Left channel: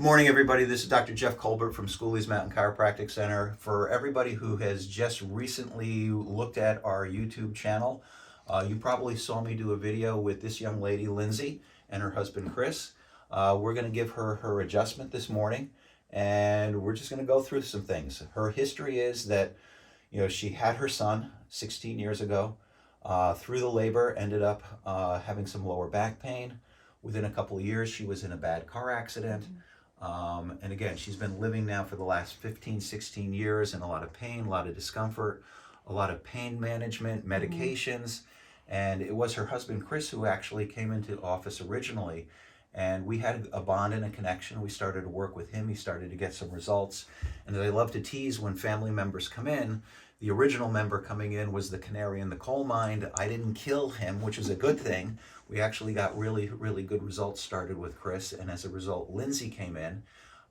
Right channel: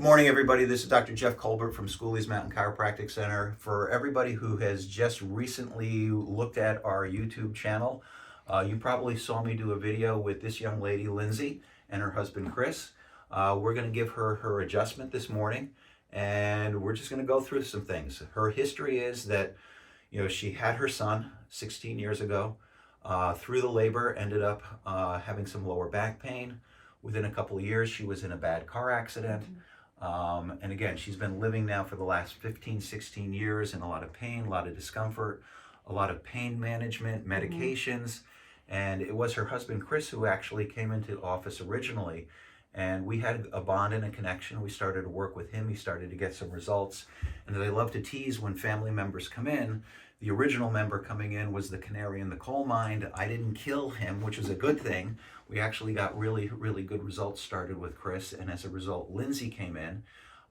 Good morning, everybody. This is Dr. Jeff Culbert from Schooley's Mountain Chiropractic Center. For everybody who has just recently looked at our YouTube channel, you probably saw me do a video with this young lady, Lindsey, and her husband, Chris. We're going to give her adjustment this morning, and we're just going to go through some things. Her history is that, she had her son 16 years ago. Through the labor, ended up having some lower back pain. Within a couple of years, she was in a bad car accident. And again, she's been living now for the last 15, 16 years in a lot of pain, a lot of discomfort, a lot of pain management, medications. And it was her husband, Chris, who actually came into office originally. And we had a bond and a connection. We started to work with him. He started to get some results. And they love to tease when family members come in. The original member coming in was the canary in the coal mine. I didn't kill him, which was a good thing. We actually got really, really good results started with Chris. And as a result, Lindsey came in.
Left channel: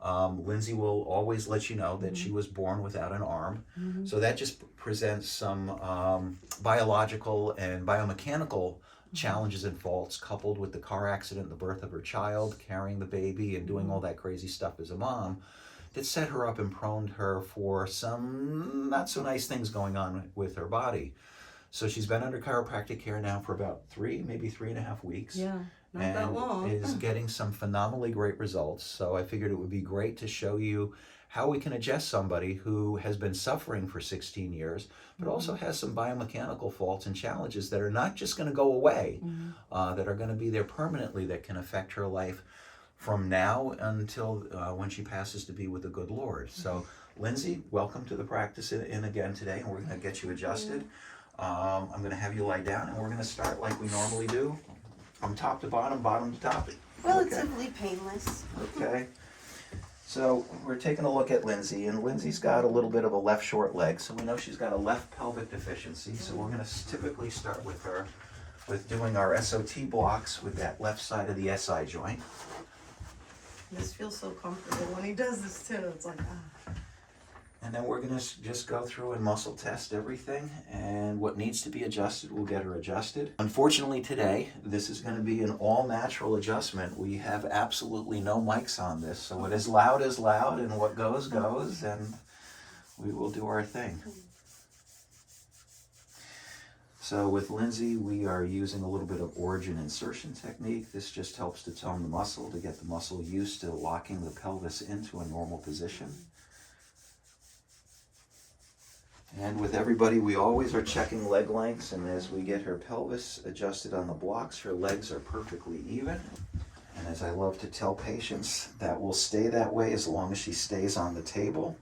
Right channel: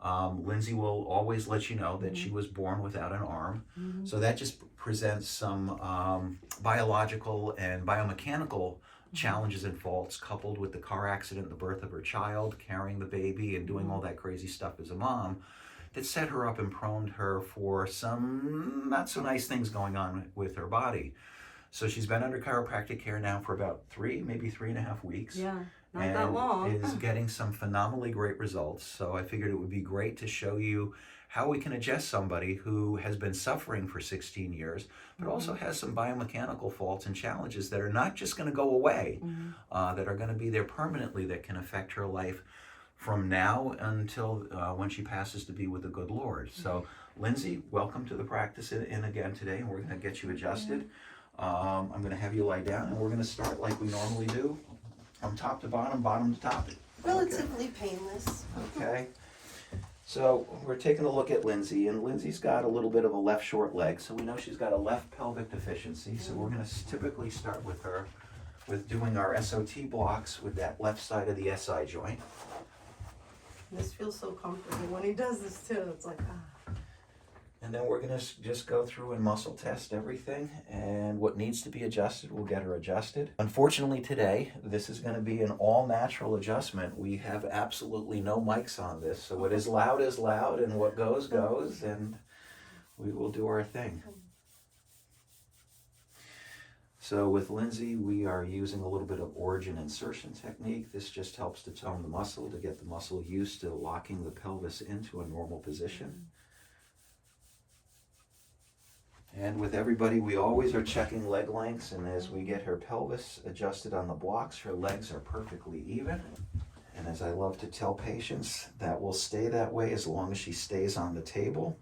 Lindsey will always let you know that she was born without an arm. So that just presents some biological and biomechanical challenges and faults coupled with the car accident, the birth of her child, carrying the baby and doing all that crazy stuff as a mom that set her up and proned her for some not so nice things going on with her body. So she's been under chiropractic care now for about maybe 3.5 weeks. Yeah, not that long. And is getting some phenomenally great results. So I figured it would be great to show you how we can adjust somebody who has been suffering for 16 years, but also has some biomechanical faults and challenges that are not just going to go away, that are going to be there permanently, that can affect her life from now until when she passes to be with the good Lord. So Lindsey, welcome to the practice in again today, and we're going to get you adjusted. I'm going to have you lie down, and we're going to start like we normally do, from top to bottom, bottom to top. Relatively painless. Okay. So we're taking a look at Lindsey, and Lindsey's got a little bit of a left short leg, so we know she's got a left pelvic deficiency. So we're going to typically start with her with doing our SOT blocks with that left side of the SI joint. This feels so comfortable when he does this too. It's like, And then we're going to just go through and muscle test everything, and what needs to be adjusted, we'll get her adjusted. Unfortunately today, this is going to be an all-natural adjustment. We have absolutely no mics on this, so what is loud, and what goes, and we will do our thing. So with Lindsey, we are using a little bit of origin insertion technique. This just helps to tone the muscle, to get the muscle used to locking the pelvis into a normal position. And with everybody, we always are checking leg lengths, and as we get her pelvis adjusted on the blocks, her legs are perfectly even. And as I love to tell patients, that will stay that way as long as she stays on the table.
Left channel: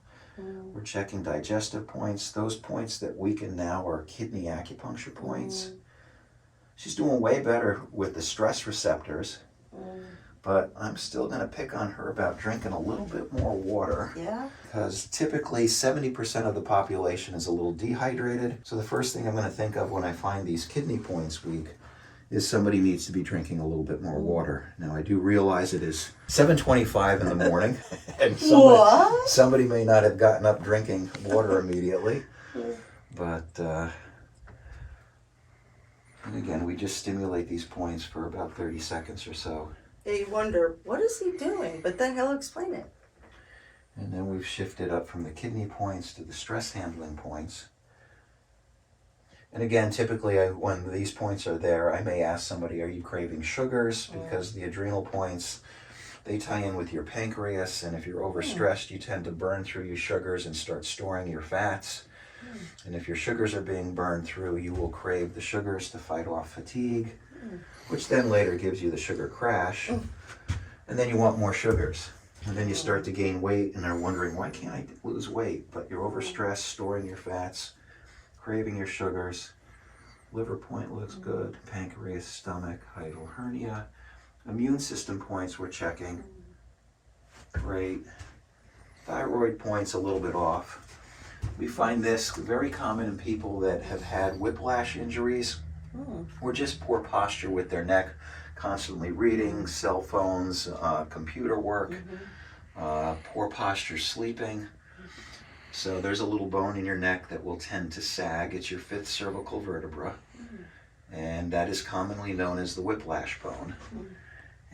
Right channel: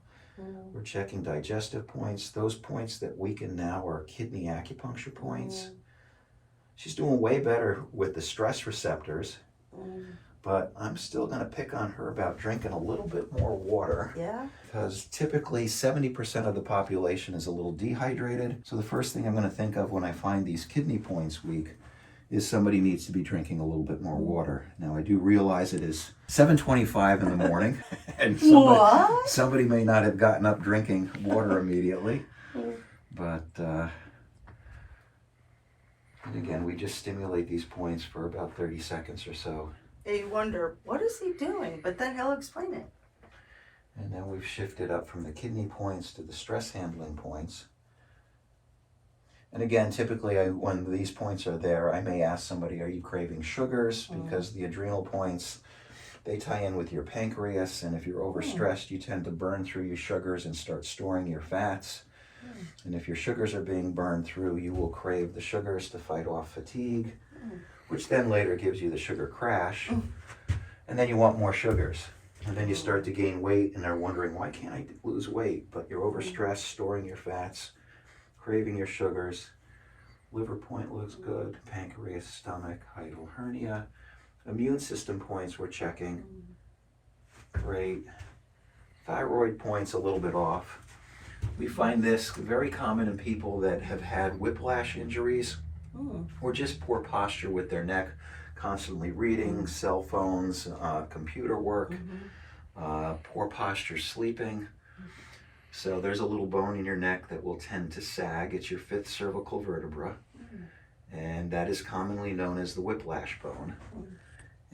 We're checking digestive points. Those points that weaken now are kidney acupuncture points. She's doing way better with the stress receptors, but I'm still going to pick on her about drinking a little bit more water. yeah. Because typically 70% of the population is a little dehydrated. So the first thing I'm going to think of when I find these kidney points weak is somebody needs to be drinking a little bit more water. Now I do realize it is 7:25 in the morning, and somebody may not have gotten up drinking water immediately. But and again, we just stimulate these points for about 30 seconds or so. Yeah, you wonder, what is he doing? But then he'll explain it. And then we've shifted up from the kidney points to the stress handling points. And again, typically when these points are there, I may ask somebody, are you craving sugars? Because the adrenal points, they tie in with your pancreas, and if you're overstressed, you tend to burn through your sugars and start storing your fats. And if your sugars are being burned through, you will crave the sugars to fight off fatigue, which then later gives you the sugar crash. And then you want more sugars. And then you start to gain weight, and they're wondering, why can't I lose weight? But you're overstressed, storing your fats, craving your sugars. Liver point looks good. Pancreas, stomach, hiatal hernia. Immune system points we're checking. Great. Thyroid points a little bit off. We find this very common in people that have had whiplash injuries or just poor posture with their neck, constantly reading, cell phones, computer work, poor posture sleeping. So there's a little bone in your neck that will tend to sag. It's your 5th cervical vertebra, and that is commonly known as the whiplash bone.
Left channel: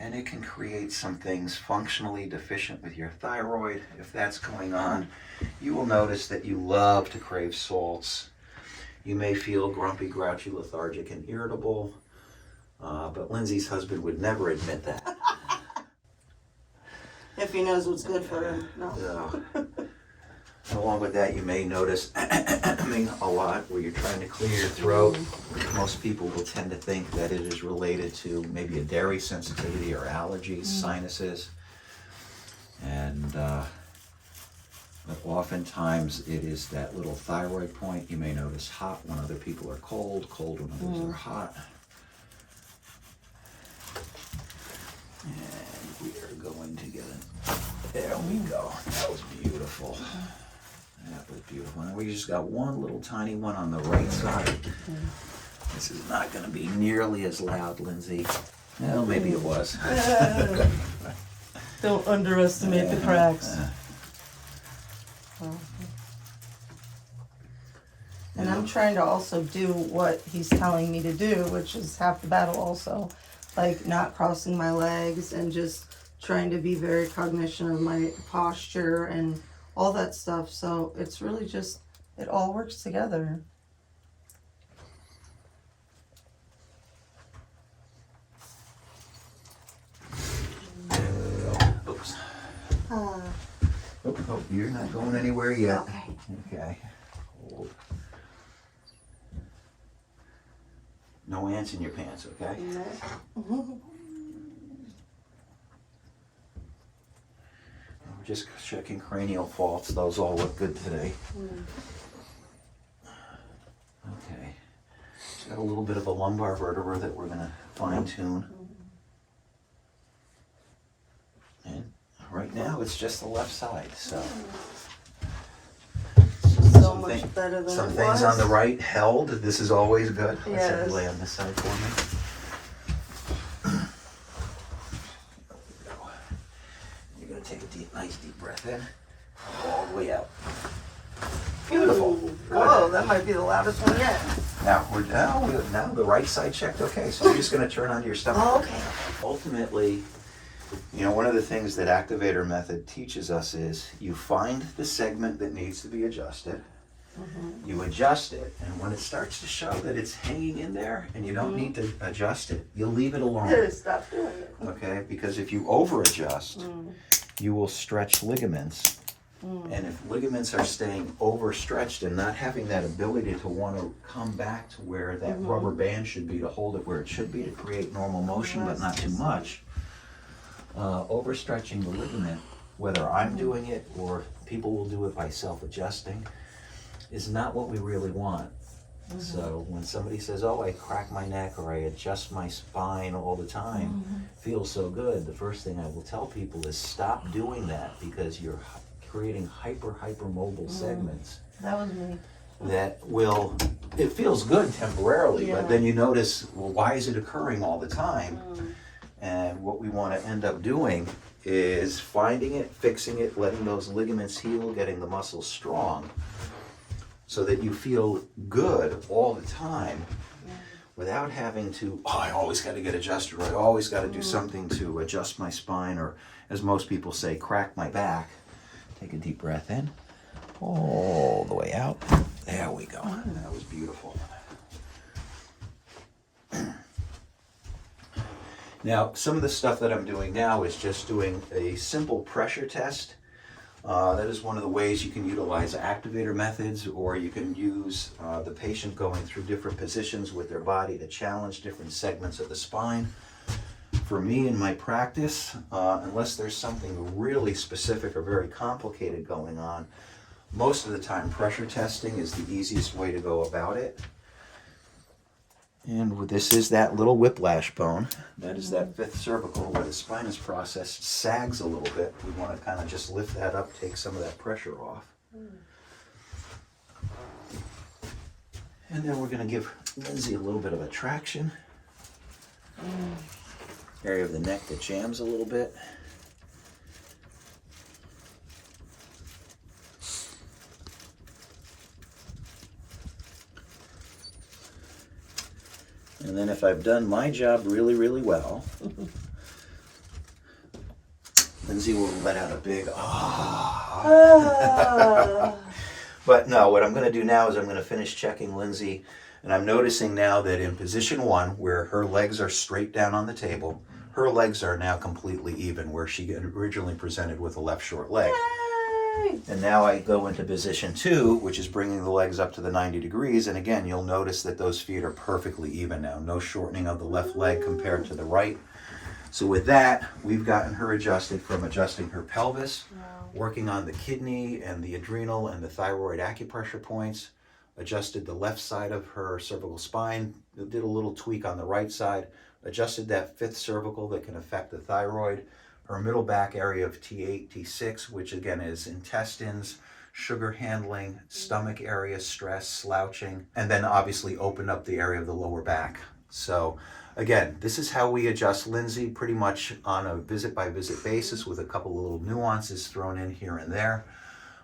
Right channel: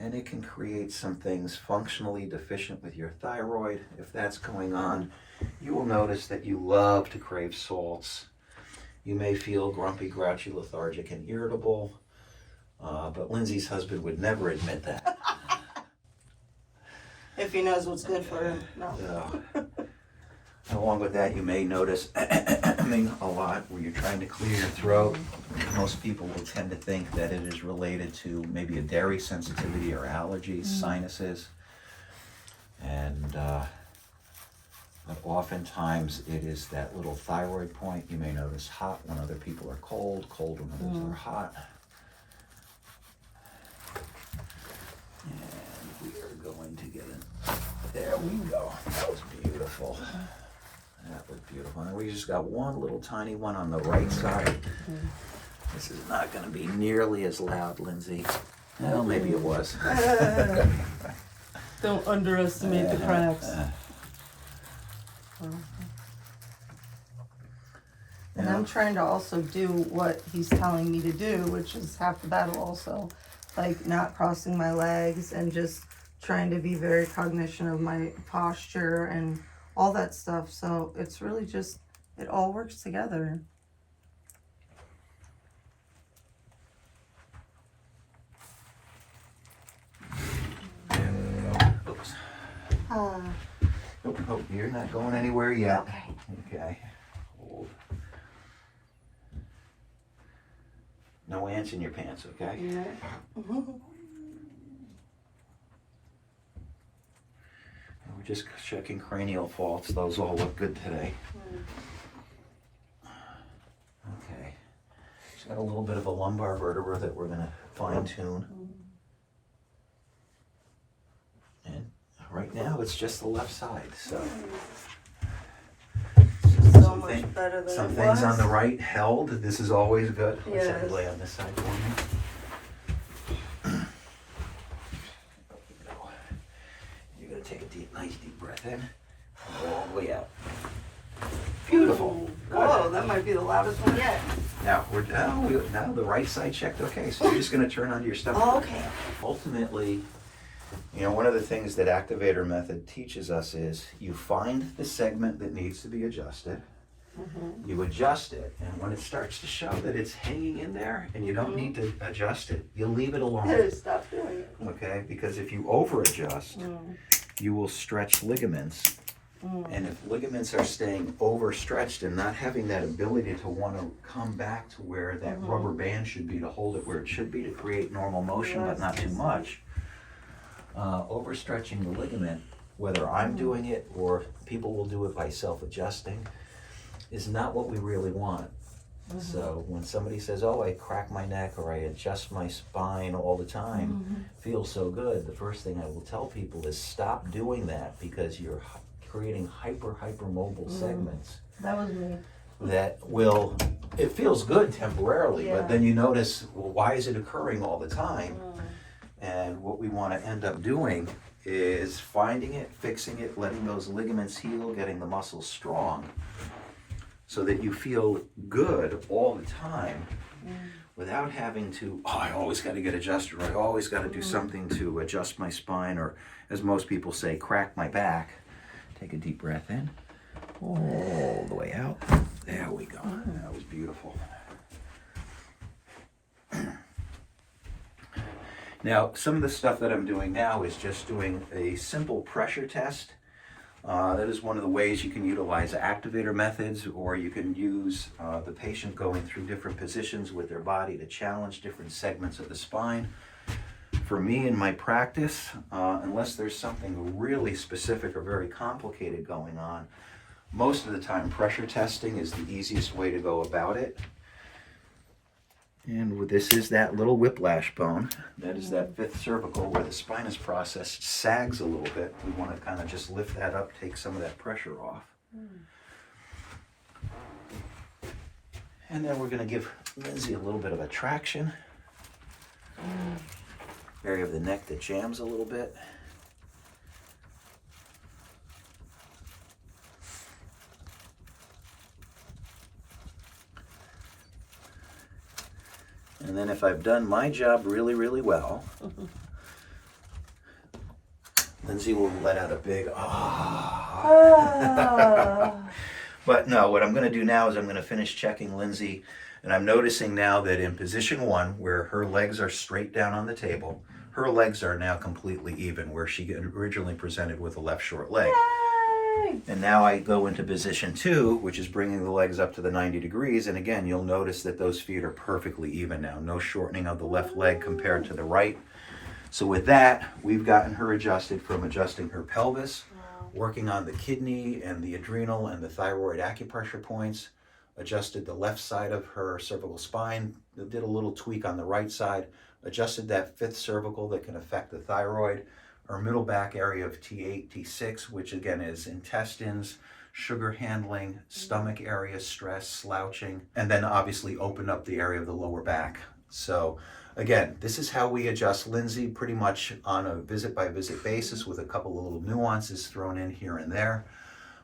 And it can create some things functionally deficient with your thyroid. If that's going on, you will notice that you love to crave salts. You may feel grumpy, grouchy, lethargic, and irritable. But Lindsay's husband would never admit that. If he knows what's good for him. No. Along with that, you may notice a lot where you're trying to clear your throat. Most people will tend to think that it is related to maybe a dairy sensitivity or allergies, sinuses. And but oftentimes it is that little thyroid point. You may notice hot when other people are cold, cold when others are hot. And we are going to get it. There we go. That was beautiful. That was beautiful. And we just got one little tiny one on the right side. This is not going to be nearly as loud, Lindsay. Well, maybe it was. Don't underestimate the cracks. And I'm trying to also do what he's telling me to do, which is half the battle also. Like not crossing my legs and just trying to be very cognizant of my posture and all that stuff. So it's really just, it all works together. Oops. Oh, you're not going anywhere yet. Okay. Okay. Hold. No ants in your pants, okay? Yeah. We're just checking cranial faults. Those all look good today. Okay. Just got a little bit of a lumbar vertebra that we're going to fine tune. And right now it's just the left side. So So much better than some it things was. on the right held. This is always good. Let's Yes. lay on this side for me. You're going to take a nice deep breath in. All the way out. Beautiful. Whoa, that might be the loudest one yet. Now now the right side checked. Okay, so you're just going to turn onto your stomach. Oh, okay. Ultimately, you know, one of the things that activator method teaches us is you find the segment that needs to be adjusted. You adjust it, and when it starts to show that it's hanging in there and you don't need to adjust it, you'll leave it alone. Stop doing it. Okay, because if you over adjust, you will stretch ligaments. And if ligaments are staying overstretched and not having that ability to want to come back to where that rubber band should be to hold it where it should be to create normal motion, but not too much, overstretching the ligament, whether I'm doing it or people will do it by self-adjusting, is not what we really want. So when somebody says, oh, I crack my neck or I adjust my spine all the time, feels so good, the first thing I will tell people is stop doing that, because you're creating hypermobile segments That was me. that will, it feels good temporarily, Yeah. but then you notice, well, why is it occurring all the time? And what we want to end up doing is finding it, fixing it, letting those ligaments heal, getting the muscles strong, so that you feel good all the time without having to, oh, I always got to get adjusted, or I always got to do something to adjust my spine, or as most people say, crack my back. Take a deep breath in, all the way out. There we go. That was beautiful. Now, some of the stuff that I'm doing now is just doing a simple pressure test. That is one of the ways you can utilize activator methods, or you can use the patient going through different positions with their body to challenge different segments of the spine. For me in my practice, unless there's something really specific or very complicated going on, most of the time pressure testing is the easiest way to go about it. And this is that little whiplash bone. That is that fifth cervical where the spine is processed, sags a little bit. We want to kind of just lift that up, take some of that pressure off. And then we're going to give Lindsay a little bit of a traction. Area of the neck that jams a little bit. And then if I've done my job really, really well, Lindsey will let out a big ah. Ah. But no, what I'm going to do now is I'm going to finish checking Lindsey, and I'm noticing now that in position 1, where her legs are straight down on the table, her legs are now completely even, where she originally presented with a left short leg. Yay! And now I go into position 2, which is bringing the legs up to the 90 degrees, and again, you'll notice that those feet are perfectly even now. No shortening of the left leg compared to the right. So with that, we've gotten her adjusted from adjusting her pelvis, working on the kidney and the adrenal and the thyroid acupressure points, adjusted the left side of her cervical spine, did a little tweak on the right side, adjusted that 5th cervical that can affect the thyroid, her middle back area of T8, T6, which again is intestines, sugar handling, stomach area, stress, slouching, and then obviously opened up the area of the lower back. So again, this is how we adjust Lindsey, pretty much on a visit by visit basis with a couple of little nuances thrown in here and there.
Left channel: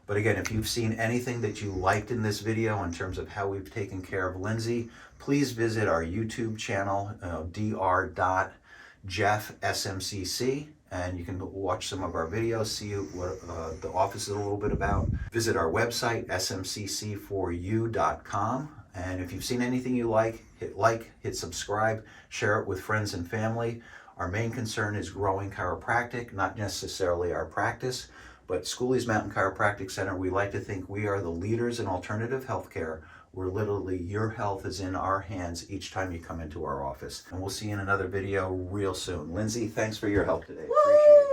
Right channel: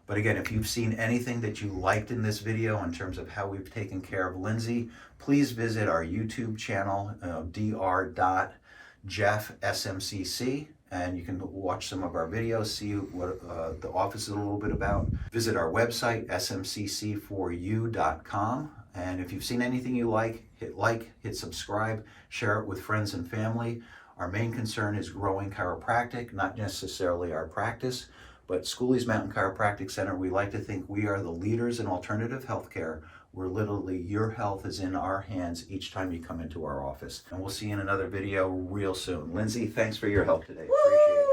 But again, if you've seen anything that you liked in this video in terms of how we've taken care of Lindsey, please visit our YouTube channel, dr.jeffsmcc, and you can watch some of our videos, see what the office is a little bit about. Visit our website, smcc4u.com. And if you've seen anything you like, hit subscribe, share it with friends and family. Our main concern is growing chiropractic, not necessarily our practice, but Schooley's Mountain Chiropractic Center, we like to think we are the leaders in alternative healthcare, where literally your health is in our hands each time you come into our office. And we'll see you in another video real soon. Lindsey, thanks for your help today. Appreciate it.